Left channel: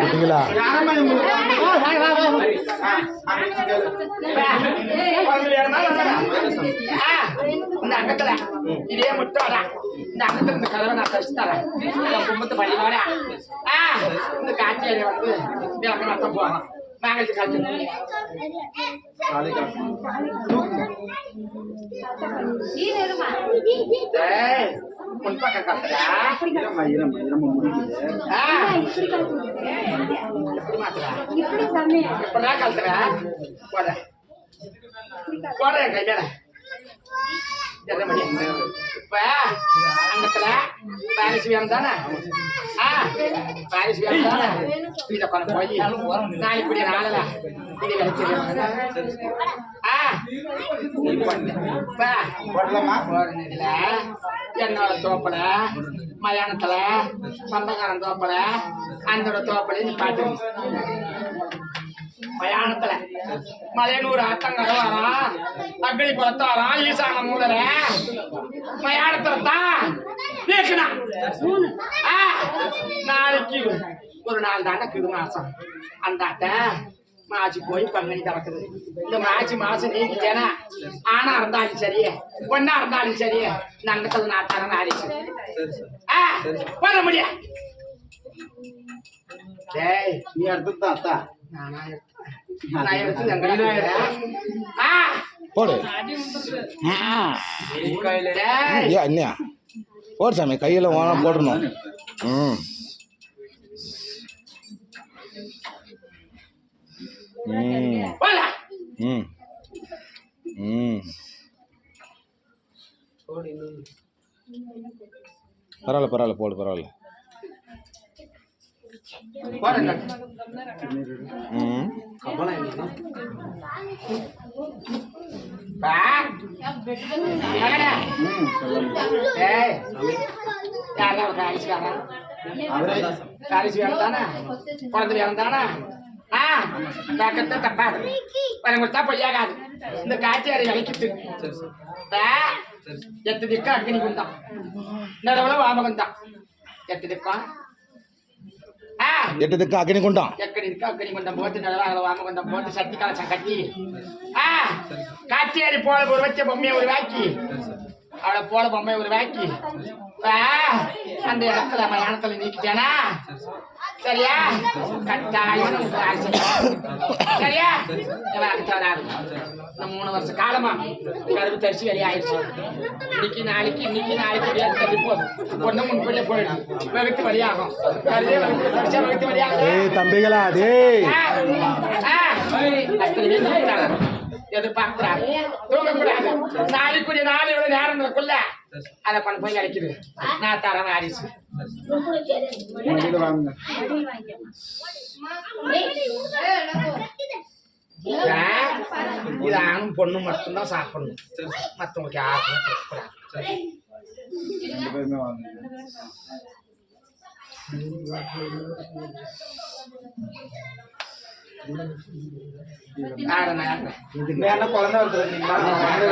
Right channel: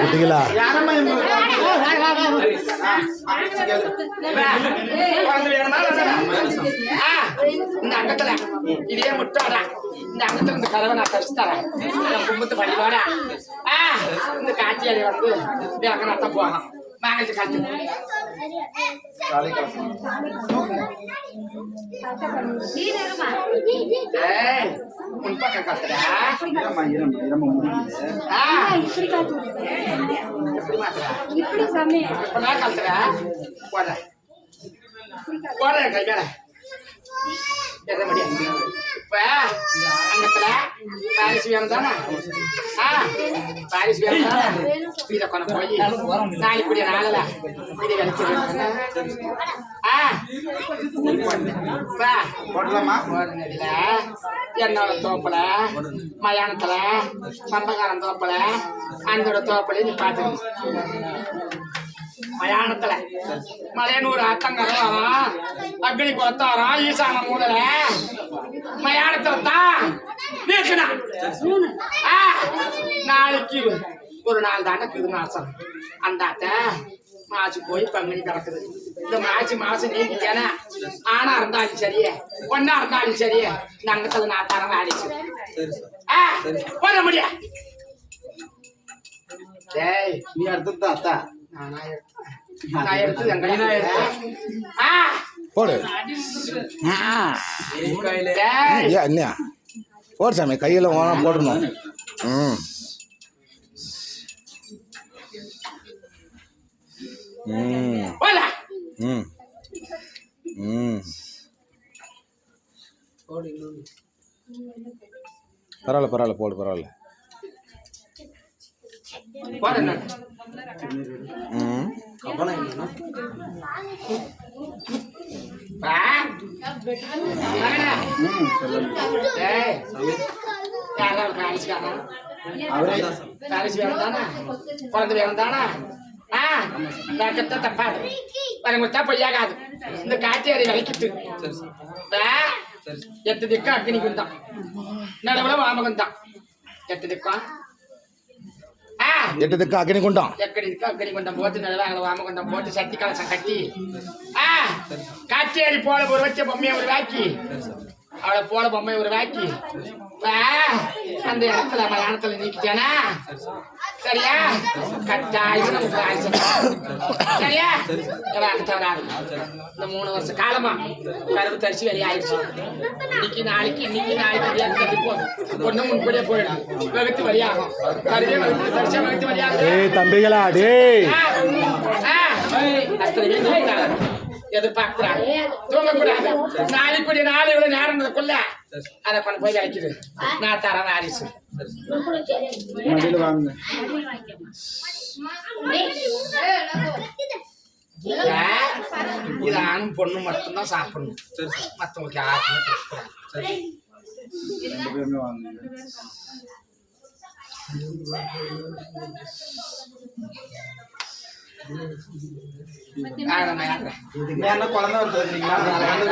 குட்டிகளா இந்த அங்கத்துல இதே முட்டாடா இந்த அங்கத்துல இந்த கதவை நான் தரிச்சு தரேன் என் கும்பத்து படிவாரா இந்த காட்சியாடி வந்து எனக்கு நத்தம் போகலாம் மேகச்சு காட்சி முன்பக்கம் கத்துறா இப்பதான் கத்துறா போட போட கையால இப்ப அங்கத்துல பாரிஸ் வேணும் தானே பாரிஸ் வேணும் தானே இதை கொண்டு போய் நாளைக்கு கூடிய நாளல இதை விளைச்சு என்னோட தோப்புல மயானத்துல சொந்தக்காரன் தோப்புல அந்த தோப்புல நீ பாத்து மயானத்துல மலையனூர் அத்தங்கரம் வரும் அக்னி குளத்தாரம் ஈசான மூதல மயானத்துல தான் நாளைக்கு ஒரு 4 தாண்டக்குது மாசம் அந்த அட்டை மாச்சு போய் பங்குனி கிடக்குது இந்த மாசம் நீக்கிட்டேனா ஆனா இருந்தாலும் சரியே பொண்ணா இருந்தாலும் சரியே இந்த அங்கத்துல நான் தரம் ஆடிச்சு பண்ண முடியும் நீ எடுத்து அத்தா நான் எடுத்து எங்க போடு என்ன போடு சாமி கையில போடணும் பரவாயில்ல போடு பரவாயில்ல பொய்யாகாது இந்த காட்சியாரி விளக்கிட்டு எட்டு திக்கம் அக்னி குந்தம் நடுவுல வாமகுந்தம் எட்டு திக்கம் அக்னி குண்டம் அக்னி குண்டம் போட்டு நடுவாங்க வாமகுண்டம் போட்டு சக்தி கலசம் கட்டி காட்சியாரி போல ஒரு வச்ச பொம்மையை ஒரு வாக்கி அவளை போல பொம்மையை ஒரு வாக்கி அந்த இடத்துல மயானத்துல நீக்கிட்டேனா சரியா கட்டாயம் சரியா வராது இந்த 3 வருஷ காலமா கருவு தரிச்சு வெளியாயிடுச்சு இன்னைக்கு பொண்ணு முன்படியே போயிடும் வகுத்து வழியாகும் கருவே வகுத்துல தரிச்சா வகுத்து வழியாகும் தம்பிகளா எதிர்பார்க்கூடாது தூங்கக்கூடாது நாளைக்குரிய நாளை இவ்வளவு நேரங்களுக்குள்ள அதை கொண்டு போய் விளைக்குது நான் தரேன் ஆரிசு இது ஆணும் பொண்ணு மட்டும்தான் சாப்பிடணும் மற்றவங்களுக்கு யாருக்குமே கொடுக்கூடாது குழந்தை வருது